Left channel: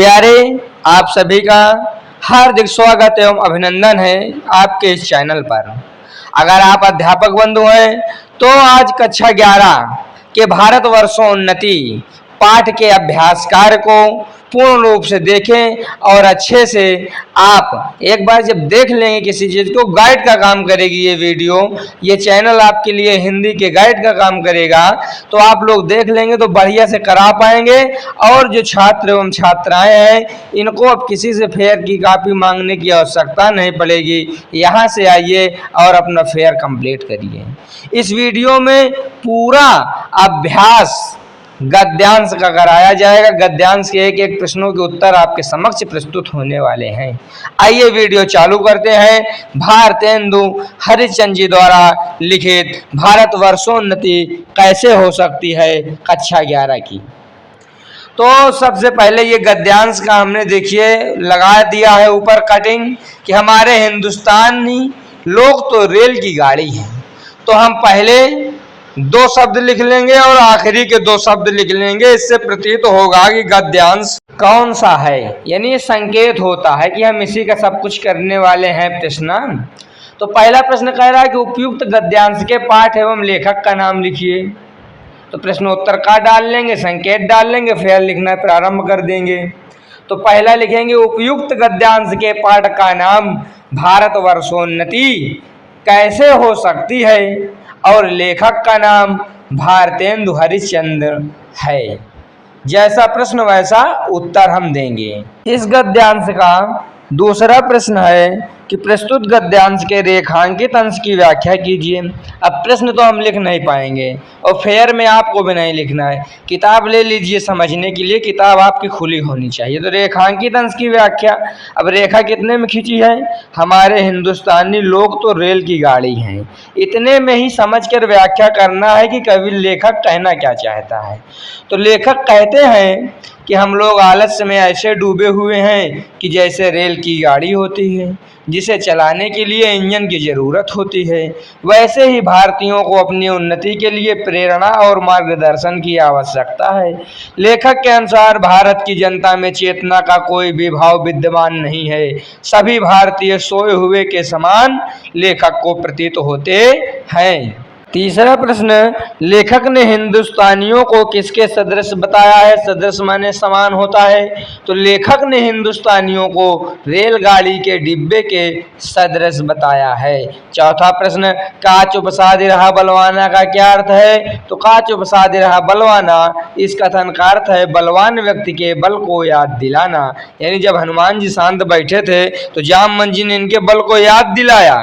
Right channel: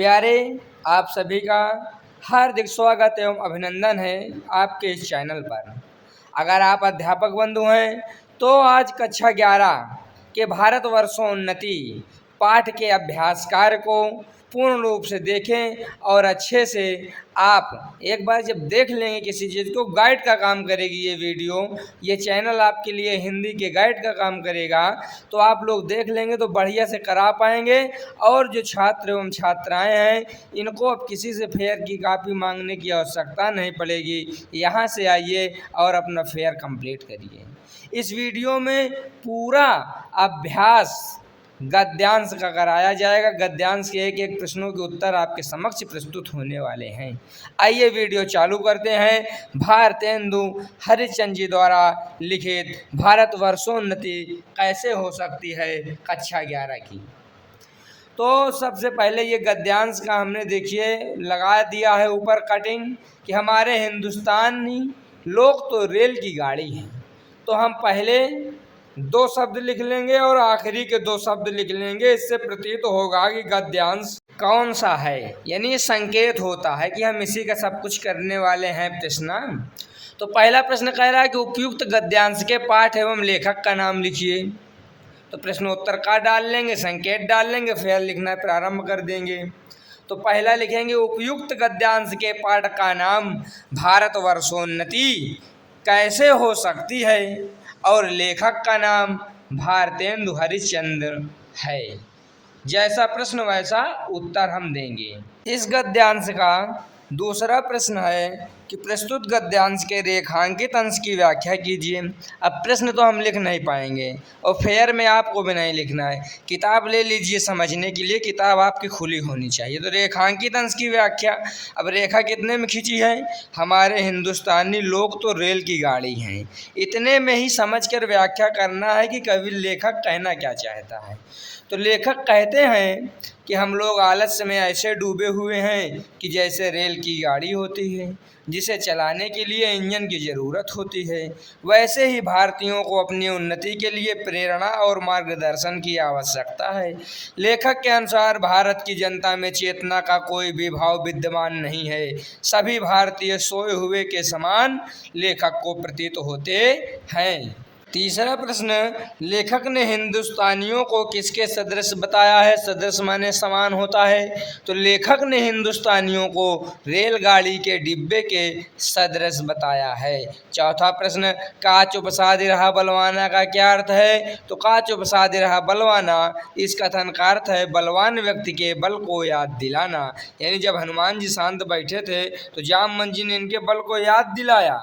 प्यारे, आप सभी का हार्दिक स्वागत एवं अभिनंदन है आपके इस चैनल पर। अगर आप अध्यापक बंधु हैं तो आज कक्षा 11 के भारतवर्षोन्नति पाठ के अभ्यास कार्य को पूर्ण रूप से देखें और अच्छे से आप एक बार जब देख लेंगे किसी चीज़ को, गाइड का काम करेगी ये वीडियो, ये चैनल आपके लिए हिंदी के गाइड का काम करेगा। तो आप लोग देख लेंगे तो बढ़िया से करा पाएंगे। और जो छात्र एवं छात्राएं हैं इनको अब किसी से फेयर की कॉपी मांगने की आवश्यकता नहीं पड़ेगी। यहाँ से आइए और अपना फेयर कंप्लीट करिए। इस वीडियो में पूरा अभ्यास गद्यांश का कराया जाएगा। गद्यांश के एक एक प्रश्नों के उत्तर आपके समक्ष प्रस्तुत होने वाले हैं। आइए वीडियो चालू करते हैं। भारतेंदु हरिश्चंद्र जी द्वारा लिखित भारतवर्षोन्नति कैसे हो सकती है, कक्षा 11 की। तो सबसे पहले ये गद्यांश का हमने देखिए लगा दिया है ऊपर कटिंग कि हमारे हिंदुस्तानी लोग तो रेल की गाड़ी हैं। तो हम पहले 2 शब्द लिख लेंगे और आखिरी के 2 शब्द लिख लेंगे। इससे प्रतीत होगा कि गद्यांश कौन सा है, यानी संकेत होता है कि हम इसी का सब कुछ करने वाले हैं प्रश्न। तो पहला प्रश्न कह रहा है कि उपयुक्त गद्यांश के पाठ एवं लेखक का नाम लिखिए। तो प्रश्नोत्तर का डाल लेंगे, संकेत डाल लेंगे, फिर लिखना प्रारंभ कर देंगे। तो पहला लिखेंगे उपयुक्त गद्यांश के पाठ का नाम भारतवर्षोन्नति कैसे हो सकती है और लेखक का नाम भारतेंदु हरिश्चंद्र है। जैसा प्रश्न वैसा उत्तर हम देंगे। इस गद्यांश का दूसरा प्रश्न है कि प्रस्तुत गद्यांश के रेखांकित अंश की व्याख्या कीजिए। अब प्रश्न तो हम लिख नहीं पाएंगे और फेयर में आपको भी नहीं लिखना है। किताब ले लीजिए समझने के लिए, किताब आपकी खुली होनी चाहिए। तो रेखांकित अंश की व्याख्या, अब रेखा कितने में खींची है, हमारे हिंदुस्तानी लोग तो रेल की गाड़ी हैं। इतने में ही समझकर व्याख्या करना है कि कवि लेखक कहना क्या चाहता है। तो लेखक कहते हैं कि हम लोग आलस्य में ऐसे डूबे हुए हैं कि जैसे रेल की गाड़ी होती है जिसे चलाने के लिए इंजन की ज़रूरत होती है, वैसे ही भारतीयों को अपनी उन्नति के लिए प्रेरणा और मार्गदर्शन की आवश्यकता है। लेखक के अनुसार भारत की जनता में चेतना का कोई भी भाव विद्यमान नहीं है। सभी भारतीय सोए हुए के समान लेखक को प्रतीत होते हैं। तीसरा प्रश्न, लेखक ने हिंदुस्तानियों को किसके सदृश बताया है। सदृश माने समान होता है। तो लेखक ने हिंदुस्तानियों को रेलगाड़ी के डिब्बे के सदृश बताया है। चौथा प्रश्न, काच उपसादि रहा बलवाना का क्या अर्थ है। तो काच उपसादि रहा बलवाना, इस कथन का अर्थ है बलवान व्यक्ति के बल को याद दिलाना। यानी जब हनुमान जी शांत बैठे थे तो जामवंत जी ने इनके बल को याद दिलाया,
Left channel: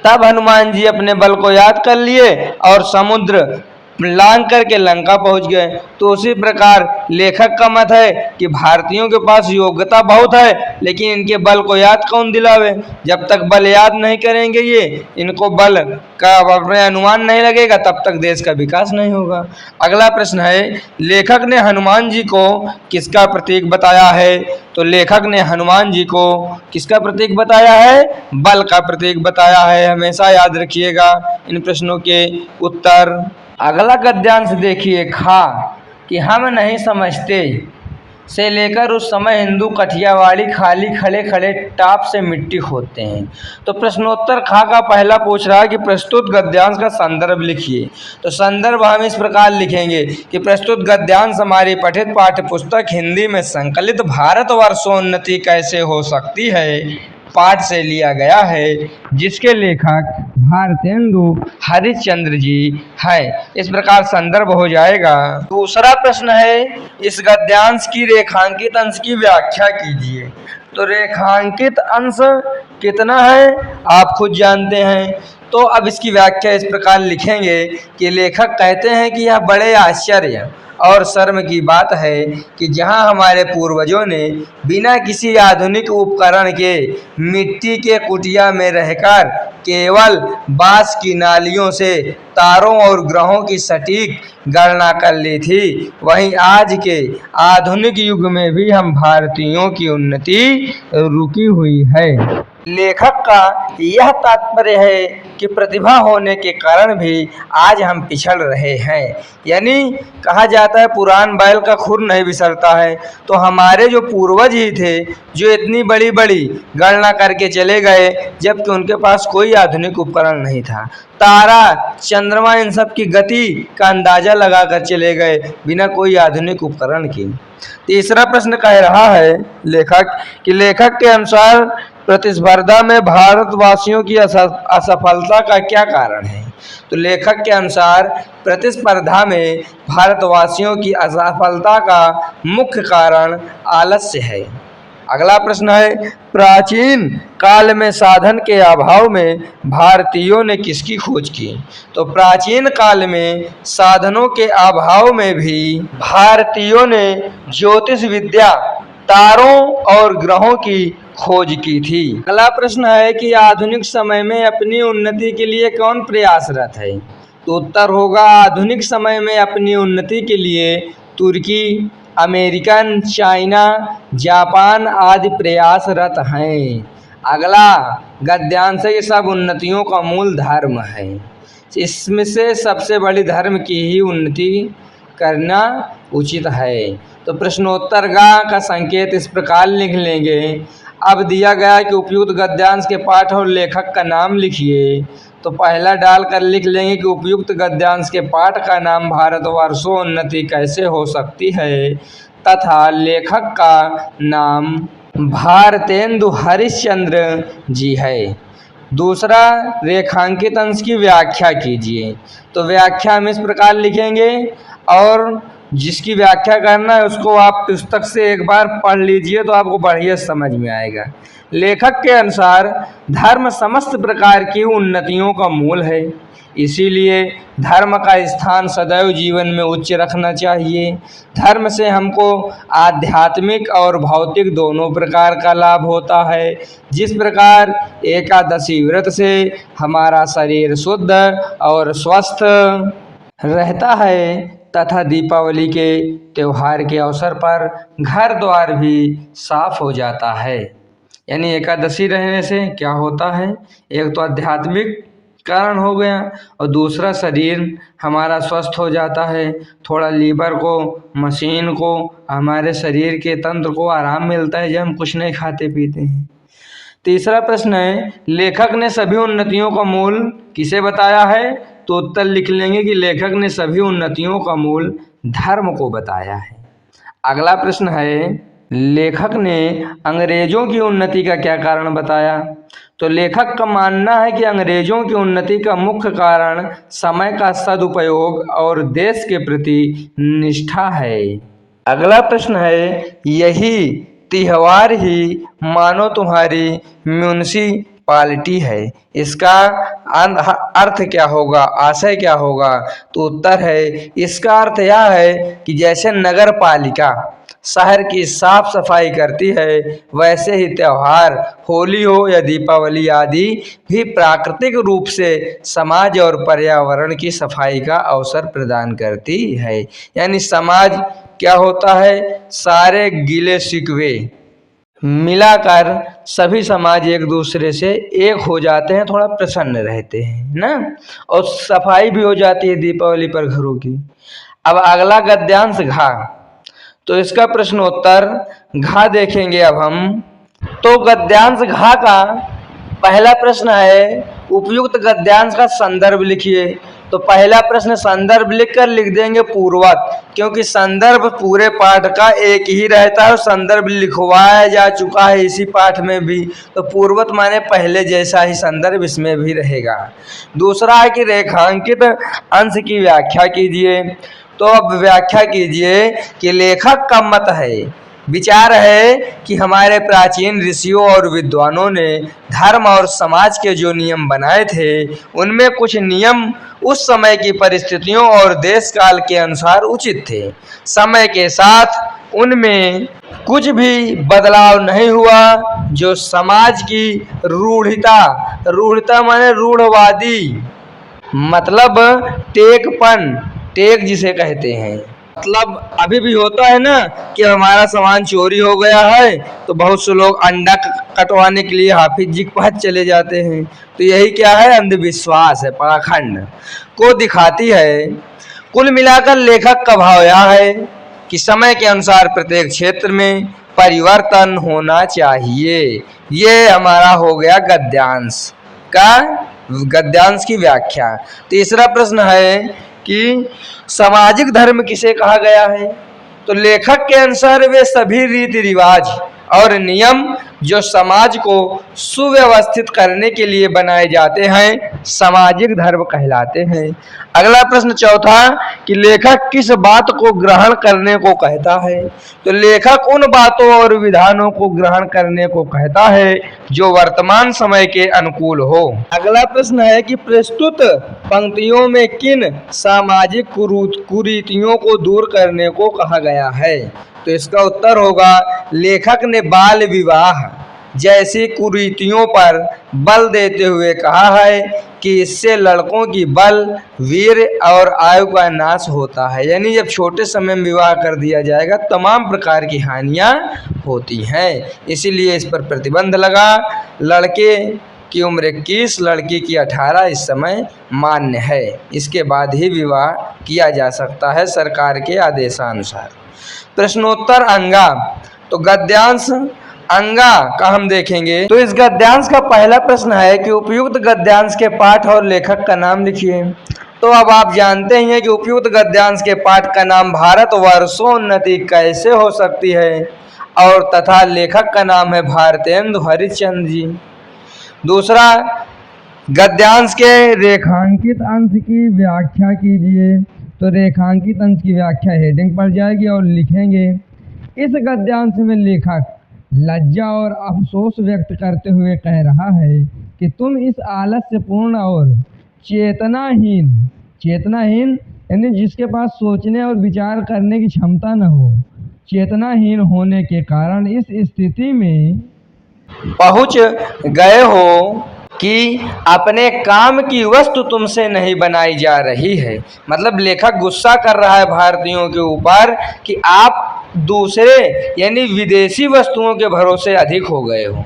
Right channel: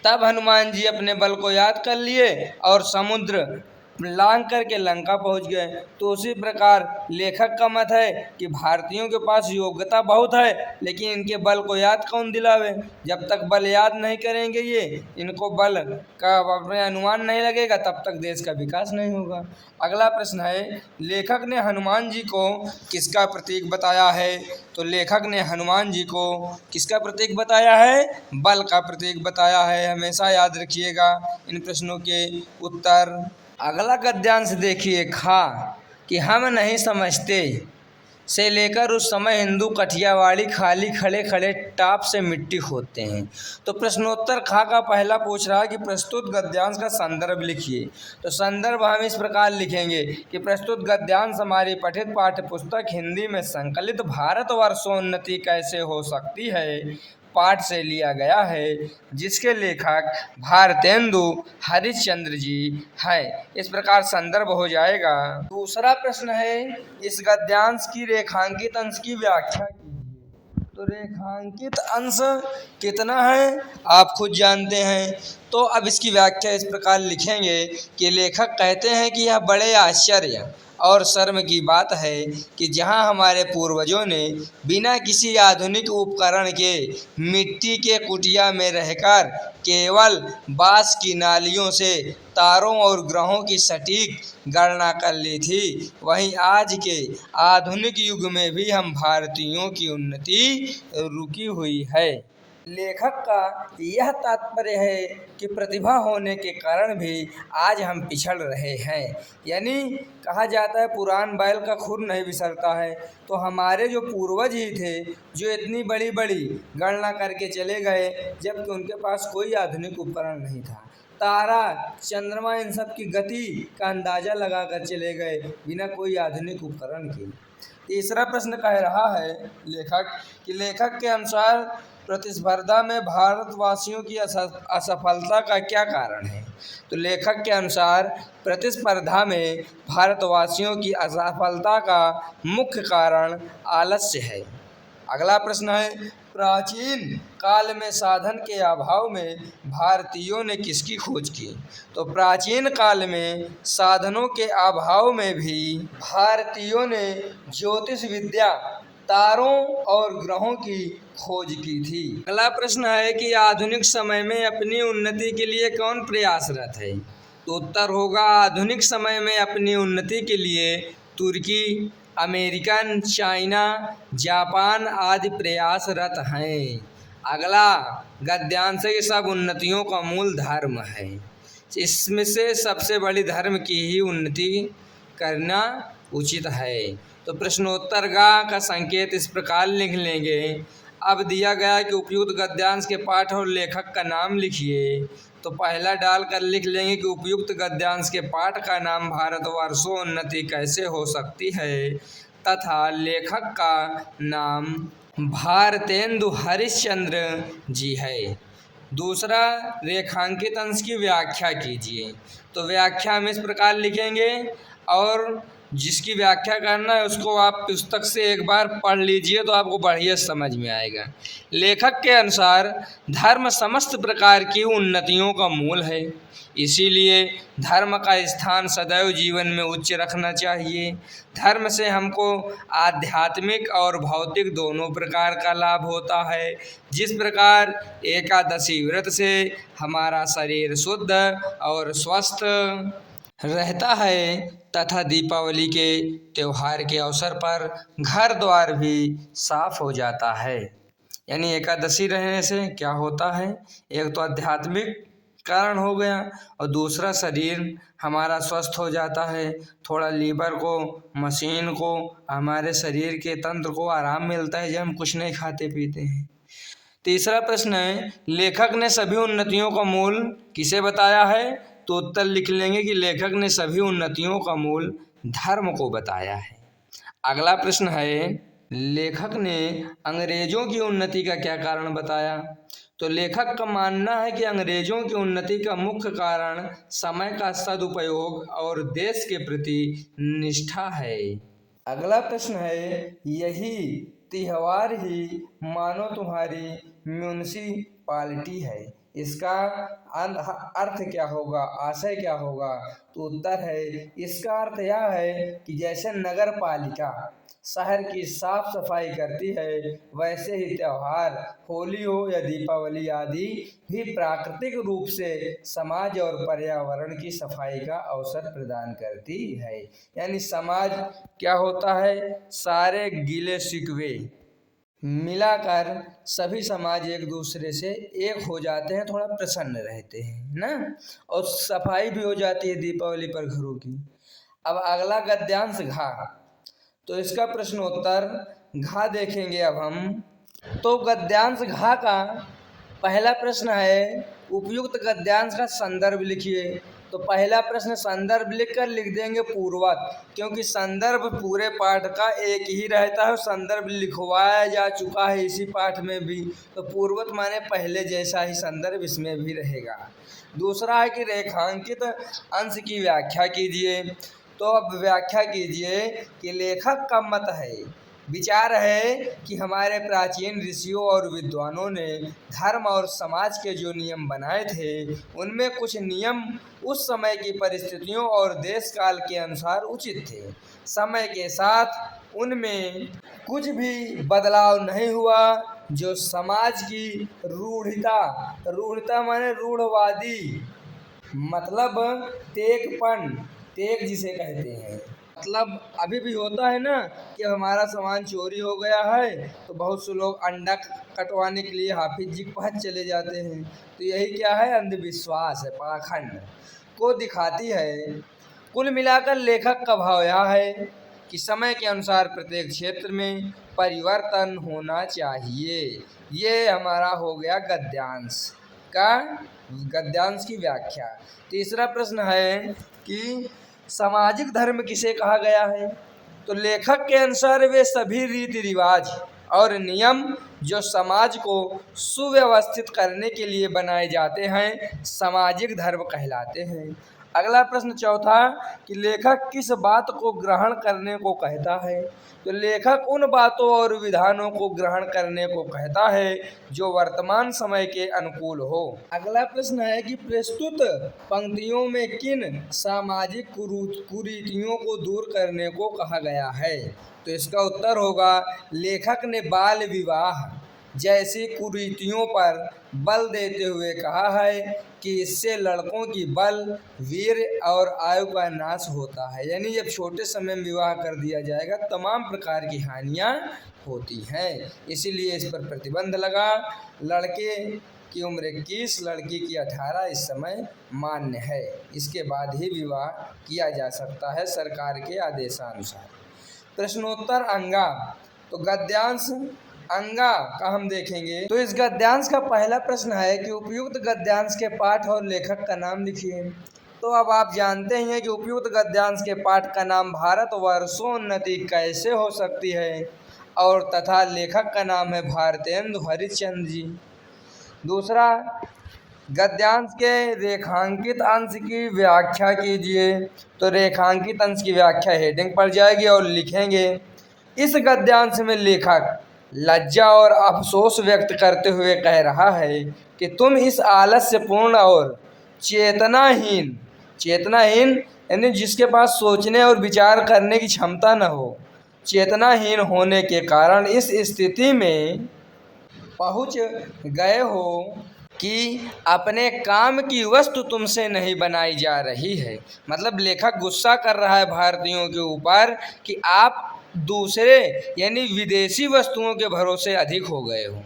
तब हनुमान जी अपने बल को याद कर लिए और समुद्र लांघ करके लंका पहुंच गए। तो उसी प्रकार लेखक का मत है कि भारतीयों के पास योग्यता बहुत है, लेकिन इनके बल को याद कौन दिलावे। जब तक बल याद नहीं करेंगे ये, इनको बल का अपने अनुमान नहीं लगेगा, तब तक देश का विकास नहीं होगा। अगला प्रश्न है, लेखक ने हनुमान जी को किसका प्रतीक बताया है। तो लेखक ने हनुमान जी को किसका प्रतीक बताया है, बल का प्रतीक बताया है। हमेशा याद रखिएगा इन प्रश्नों के उत्तर। अगला गद्यांश देखिए, खा कि हम नहीं समझते से लेकर उस समय हिंदू कठियावाड़ी खाली खड़े खड़े टाप से मिट्टी खोदते हैं। तो प्रश्नोत्तर खा का पहला पूछ रहा है कि प्रस्तुत गद्यांश का संदर्भ लिखिए। तो संदर्भ हम इस प्रकार लिखेंगे कि प्रस्तुत गद्यांश हमारी पठित पाठ्य पुस्तक हिंदी में संकलित भारतवर्षोन्नति कैसे हो सकती है पाठ से लिया गया है, जिसके लेखक भारतेंदु हरिश्चंद्र जी है। इस प्रकार संदर्भ हो जाएगा। दूसरा प्रश्न है, इस गद्यांश की रेखांकित अंश की व्याख्या कीजिए। तो रेखांकित अंश कितना है आप खुद जानते हैं। तो अब इसकी व्याख्या इस प्रकार लिखेंगे कि लेखक कहते हैं कि यह बड़े आश्चर्य और शर्म की बात है कि जहां हमारे पूर्वजों ने बिना किसी आधुनिक उपकरण के मिट्टी के कुटिया में रहकर केवल बांस की नालियों से तारों और ग्रहों की सटीक गणना कर ली थी, वहीं आज के आधुनिक युग में भी हम भारतीयों की उन्नति रुकी हुई है। लेखक का यह तात्पर्य है कि प्रतिभा होने के कारण भी आज हम पिछड़ रहे हैं। यानी कहा जाता है पुरान बैल का खुर नहीं बिसरता है। तो हमारे जो पूर्वज ही थे जो इतनी बड़ी बड़ी गणना करके चले गए, जबकि उनके पास कोई आधुनिक उपकरण नहीं था। तारा, चंद्रमा, इन सब की गति का अंदाजा लगाकर चले गए बिना कोई आधुनिक उपकरण के। तीसरा प्रश्न कह रहा है लेखक के अनुसार प्रतिस्पर्धा में भारतवासियों की असफलता का क्या कारण है। तो लेखक के अनुसार प्रतिस्पर्धा में भारतवासियों की असफलता का मुख्य कारण आलस्य है। अगला प्रश्न है प्राचीन काल में साधन के अभाव में भारतीयों ने किसकी खोज की। तो प्राचीन काल में साधनों के अभाव में भी भारतीयों ने ज्योतिष विद्या, तारों और ग्रहों की खोज की थी। अगला प्रश्न है कि आधुनिक समय में अपनी उन्नति के लिए कौन प्रयासरत है। तो उत्तर होगा आधुनिक समय में अपनी उन्नति के लिए तुर्की, अमेरिकन, चाइना, जापान आदि प्रयासरत हैं। अगला गद्यांश है कि सब उन्नतियों का मूल धर्म है। इसमें से सबसे बड़ी धर्म की ही उन्नति करना उचित है। तो प्रश्नोत्तर का संकेत इस प्रकार लिख लेंगे। अब दिया गया है कि उपयुक्त गद्यांश के पाठ और लेखक का नाम लिखिए। तो पहला डालकर लिख लेंगे कि उपयुक्त गद्यांश के पाठ का नाम भारतवर्षोन्नति कैसे हो सकती है तथा लेखक का नाम भारतेंदु हरिश्चंद्र जी है। दूसरा, रेखांकित अंश की व्याख्या कीजिए। तो व्याख्या हम इस प्रकार लिखेंगे और जिसकी व्याख्या करना है उसको आप पुस्तक से एक बार पढ़ लीजिए तो आपको बढ़िया समझ में आएगा। लेखक के अनुसार धर्म समस्त प्रकार की उन्नतियों का मूल है, इसीलिए धर्म का स्थान सदैव जीवन में उच्च रखना चाहिए। धर्म से हमको आध्यात्मिक और भौतिक दोनों प्रकार का लाभ होता है। जिस प्रकार एकादशी व्रत से हमारा शरीर शुद्ध और स्वस्थ रहता है तथा दीपावली के त्यौहार के अवसर पर घर द्वार भी साफ हो जाता है। यानी एकादशी रहने से क्या होता है, एक तो आध्यात्मिक कारण हो गया और दूसरा शरीर हमारा स्वस्थ हो जाता है। थोड़ा लीवर को, मशीन को, हमारे शरीर के तंत्र को आराम मिलता है जब हम कुछ नहीं खाते पीते हैं। तीसरा प्रश्न है लेखक ने सभी उन्नतियों का मूल किसे बताया है। तो उत्तर लिख लेंगे कि लेखक ने सभी उन्नतियों का मूल धर्म को बताया है। अगला प्रश्न है लेखक ने अंग्रेजों की उन्नति का क्या कारण बताया। तो लेखक का मानना है कि अंग्रेजों की उन्नति का मुख्य कारण समय का सदुपयोग और देश के प्रति निष्ठा है। अगला प्रश्न है यही त्योहार ही मानो तुम्हारी म्यूनिसिपालिटी है, इसका अर्थ क्या होगा, आशय क्या होगा। तो उत्तर है इसका अर्थ यह है कि जैसे नगर पालिका शहर की साफ सफाई करती है वैसे ही त्यौहार होली हो या दीपावली आदि भी प्राकृतिक रूप से समाज और पर्यावरण की सफाई का अवसर प्रदान करती है। यानी समाज क्या होता है, सारे गिले शिकवे मिलाकर सभी समाज एक दूसरे से एक हो जाते हैं, थोड़ा प्रसन्न रहते हैं ना, और सफाई भी हो जाती है दीपावली पर घरों की। अब अगला गद्यांश घा। तो इसका प्रश्नोत्तर घा देखेंगे अब हम। तो गद्यांश घा का पहला प्रश्न है उपयुक्त गद्यांश का संदर्भ लिखिए। तो पहला प्रश्न संदर्भ लिखकर लिख देंगे पूर्वत, क्योंकि संदर्भ पूरे पाठ का एक ही रहता है और संदर्भ लिखवाया जा चुका है इसी पाठ में भी। तो पूर्वत माने पहले जैसा ही संदर्भ इसमें भी रहेगा। दूसरा है कि रेखांकित अंश की व्याख्या कीजिए। तो अब व्याख्या कीजिए कि लेखक का मत है, विचार है कि हमारे प्राचीन ऋषियों और विद्वानों ने धर्म और समाज के जो नियम बनाए थे उनमें कुछ नियम उस समय की परिस्थितियों और देश काल के अनुसार उचित थे। समय के साथ उनमें कुछ भी बदलाव नहीं हुआ जो समाज की रूढ़ता माने रूढ़वादी, मतलब टेक जिसे कहते हैं, मतलब अभी भी होता है ना कि हमारा सामान चोरी हो गया है तो बहुत से लोग अंडा कटवाने के लिए हाफिज जी के पास चले जाते हैं। तो यही क्या है, अंधविश्वास है, पाखंड को दिखाती है। कुल मिलाकर लेखक का भाव यह है कि समय के अनुसार प्रत्येक क्षेत्र में परिवर्तन होना चाहिए। ये हमारा हो गया गद्यांश का, गद्यांश की व्याख्या। तीसरा प्रश्न है कि सामाजिक धर्म किसे कहा गया है? तो लेखक के अनुसार वे सभी रीति रिवाज और नियम जो समाज को सुव्यवस्थित करने के लिए बनाए जाते हैं सामाजिक धर्म कहलाते हैं। अगला प्रश्न चौथा कि लेखक किस बात को ग्रहण करने को कहता है? तो लेखक उन बातों और विधानों को ग्रहण करने को कहता है जो वर्तमान समय के अनुकूल हो। अगला प्रश्न है कि प्रस्तुत पंक्तियों में किन सामाजिक कुरीतियों को दूर करने को कहा गया है? तो इसका उत्तर होगा लेखक ने बाल विवाह जैसी कुरीतियों पर बल देते हुए कहा है कि इससे लड़कों की बल, वीर और आयु का नाश होता है। यानी जब छोटे समय में विवाह कर दिया जाएगा तमाम प्रकार की हानियां होती हैं, इसीलिए इस पर प्रतिबंध लगा। लड़के की उम्र 21, लड़की की 18 इस समय मान्य है। इसके बाद ही विवाह किया जा सकता है सरकार के आदेशानुसार। प्रश्नोत्तर अंगा, तो गद्यांश अंगा का हम देखेंगे। तो इस गद्यांश का पहला प्रश्न है कि उपयुक्त गद्यांश के पाठ और लेखक का नाम लिखिए। तो अब आप जानते ही हैं कि उपयुक्त गद्यांश के पाठ का नाम भारत वर्षोन्नति कैसे हो सकती है और तथा लेखक का नाम है भारतेंदु हरिश्चंद्र जी। दूसरा, गद्यांश के रेखांकित अंश की व्याख्या कीजिए। तो रेखांकित अंश की व्याख्या हेडिंग पर जाएगी और लिखेंगे, इस गद्यांश में लेखक लज्जा और अफसोस व्यक्त करते हुए कह रहा है कि तुम इस आलस्यपूर्ण और चेतनाहीन यानी जिसके पास सोचने और विचार करने की क्षमता न हो, चेतनाहीन होने के कारण इस स्थिति में पहुंच गए हो कि अपने काम की वस्तु तुमसे नहीं बनाई जा रही है। मतलब लेखक गुस्सा कर रहा है भारतीयों के ऊपर कि आप दूसरे यानी विदेशी वस्तुओं के भरोसे अधिक हो गए हो।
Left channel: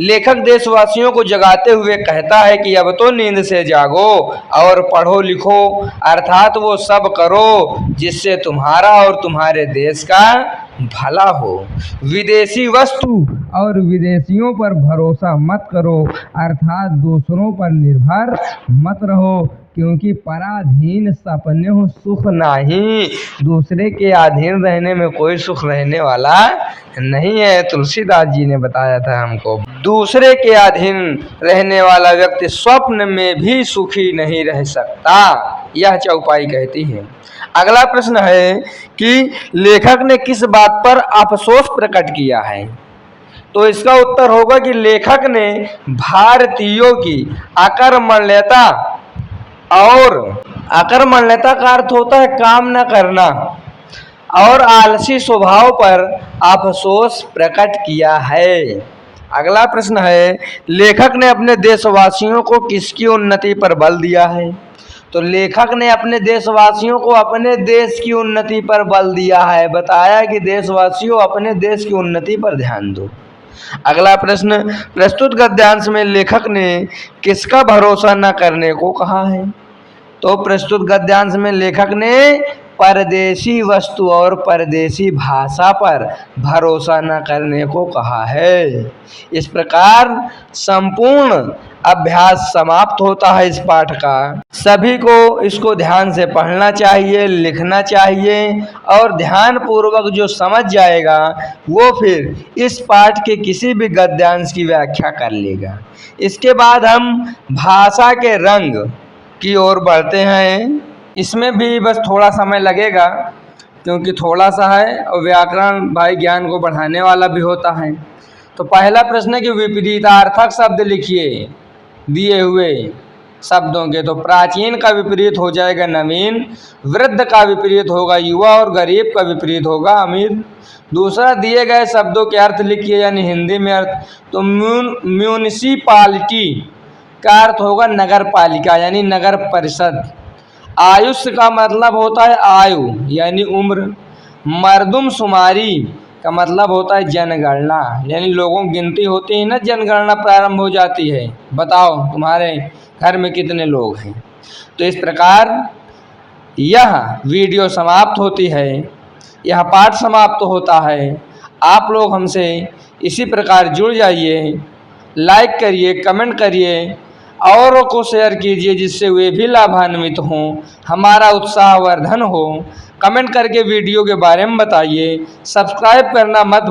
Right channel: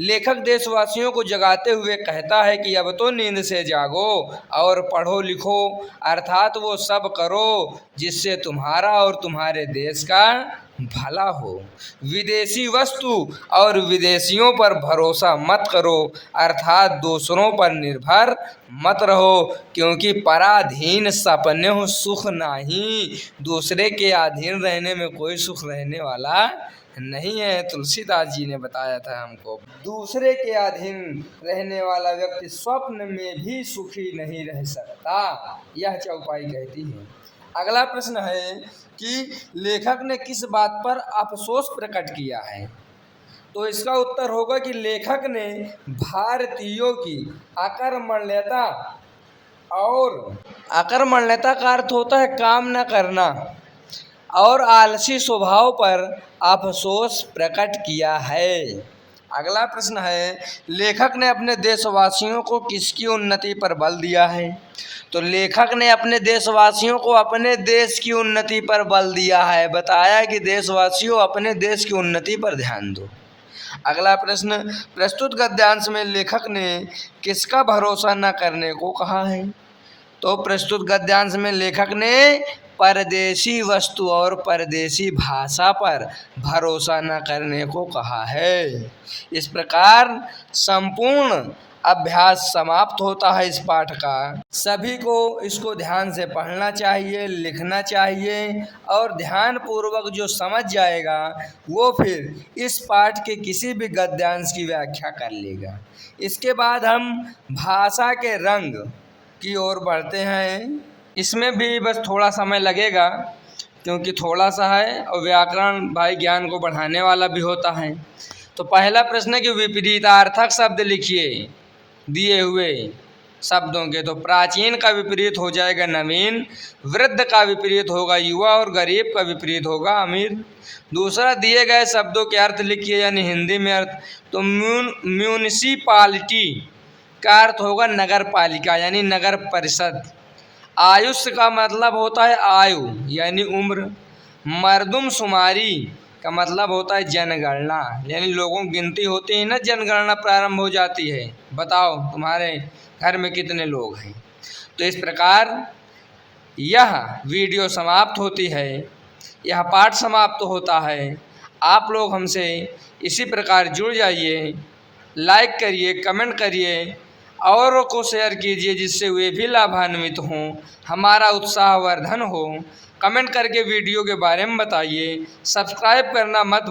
लेखक देशवासियों को जगाते हुए कहता है कि अब तो नींद से जागो और पढ़ो लिखो, अर्थात वो सब करो जिससे तुम्हारा और तुम्हारे देश का भला हो। विदेशी वस्तु और विदेशियों पर भरोसा मत करो, अर्थात दूसरों पर निर्भर मत रहो, क्योंकि पराधीन सपने हो सुख नहीं। दूसरे के अधीन रहने में कोई सुख रहने वाला नहीं है। तुलसीदास जी ने बताया था हमको, दूसरे के अधीन रहने वाला व्यक्ति स्वप्न में भी सुखी नहीं रह सकता, यह चौपाई कहती है। अगला प्रश्न है कि लेखक ने किस बात पर अफसोस प्रकट किया है? तो इसका उत्तर होगा कि लेखक ने भारतीयों की आक्रमणीयता, और आक्रमणीयता का अर्थ होता है काम न करना, और आलसी स्वभाव पर अफसोस प्रकट किया है। अगला प्रश्न है, लेखक ने अपने देशवासियों को किसकी उन्नति पर बल दिया है? तो लेखक ने अपने देशवासियों को अपने देश की उन्नति पर बल दिया है, बताया कि देशवासियों अपने देश की उन्नति पर ध्यान दो। अगला प्रश्न, प्रस्तुत गद्यांश में लेखक ने किसका भरोसा न करने को कहा है? तो प्रस्तुत गद्यांश में लेखक ने परदेशी वस्तु और परदेशी भाषा पर भरोसा न करने को कहा है। इस प्रकार संपूर्ण अभ्यास समाप्त होता है इस पाठ का। सभी को इसको ध्यान से पढ़ना चाहिए, लिखना चाहिए, और ध्यान पूर्वक जो समझ जाएगा वो फिर इस पाठ के किसी भी गद्यांश की व्याख्या कर लेगा। इसके बाद हम भाषा के रंग की ओर बढ़ते हैं। इसमें भी बस थोड़ा समय लगेगा क्योंकि थोड़ा सा है और व्याकरण भाई ज्ञान को बढ़ाने वाला भी होता है। तो पहला प्रश्न है कि विपरीतार्थक शब्द लिखिए दिए हुए शब्दों के। तो प्राचीन का विपरीत हो जाएगा नवीन, वृद्ध का विपरीत होगा युवा, और गरीब का विपरीत होगा अमीर। दूसरा, दिए गए शब्दों के अर्थ लिखिए यानी हिंदी में अर्थ। तो म्यूनिसिपालिटी का अर्थ होगा नगर पालिका यानी नगर परिषद। आयुष्य का मतलब होता है आयु यानी उम्र। मर्दमशुमारी का मतलब होता है जनगणना, यानी लोगों की गिनती होती है ना, जनगणना प्रारंभ हो जाती है, बताओ तुम्हारे घर में कितने लोग हैं। तो इस प्रकार यह वीडियो समाप्त होती है, यह पाठ समाप्त होता है। आप लोग हमसे इसी प्रकार जुड़ जाइए, लाइक करिए, कमेंट करिए, औरों को शेयर कीजिए जिससे वे भी लाभान्वित हों, हमारा उत्साहवर्धन हो। कमेंट करके वीडियो के बारे में बताइए, सब्सक्राइब करना मत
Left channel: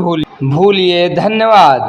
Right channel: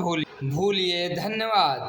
भूलिए। धन्यवाद।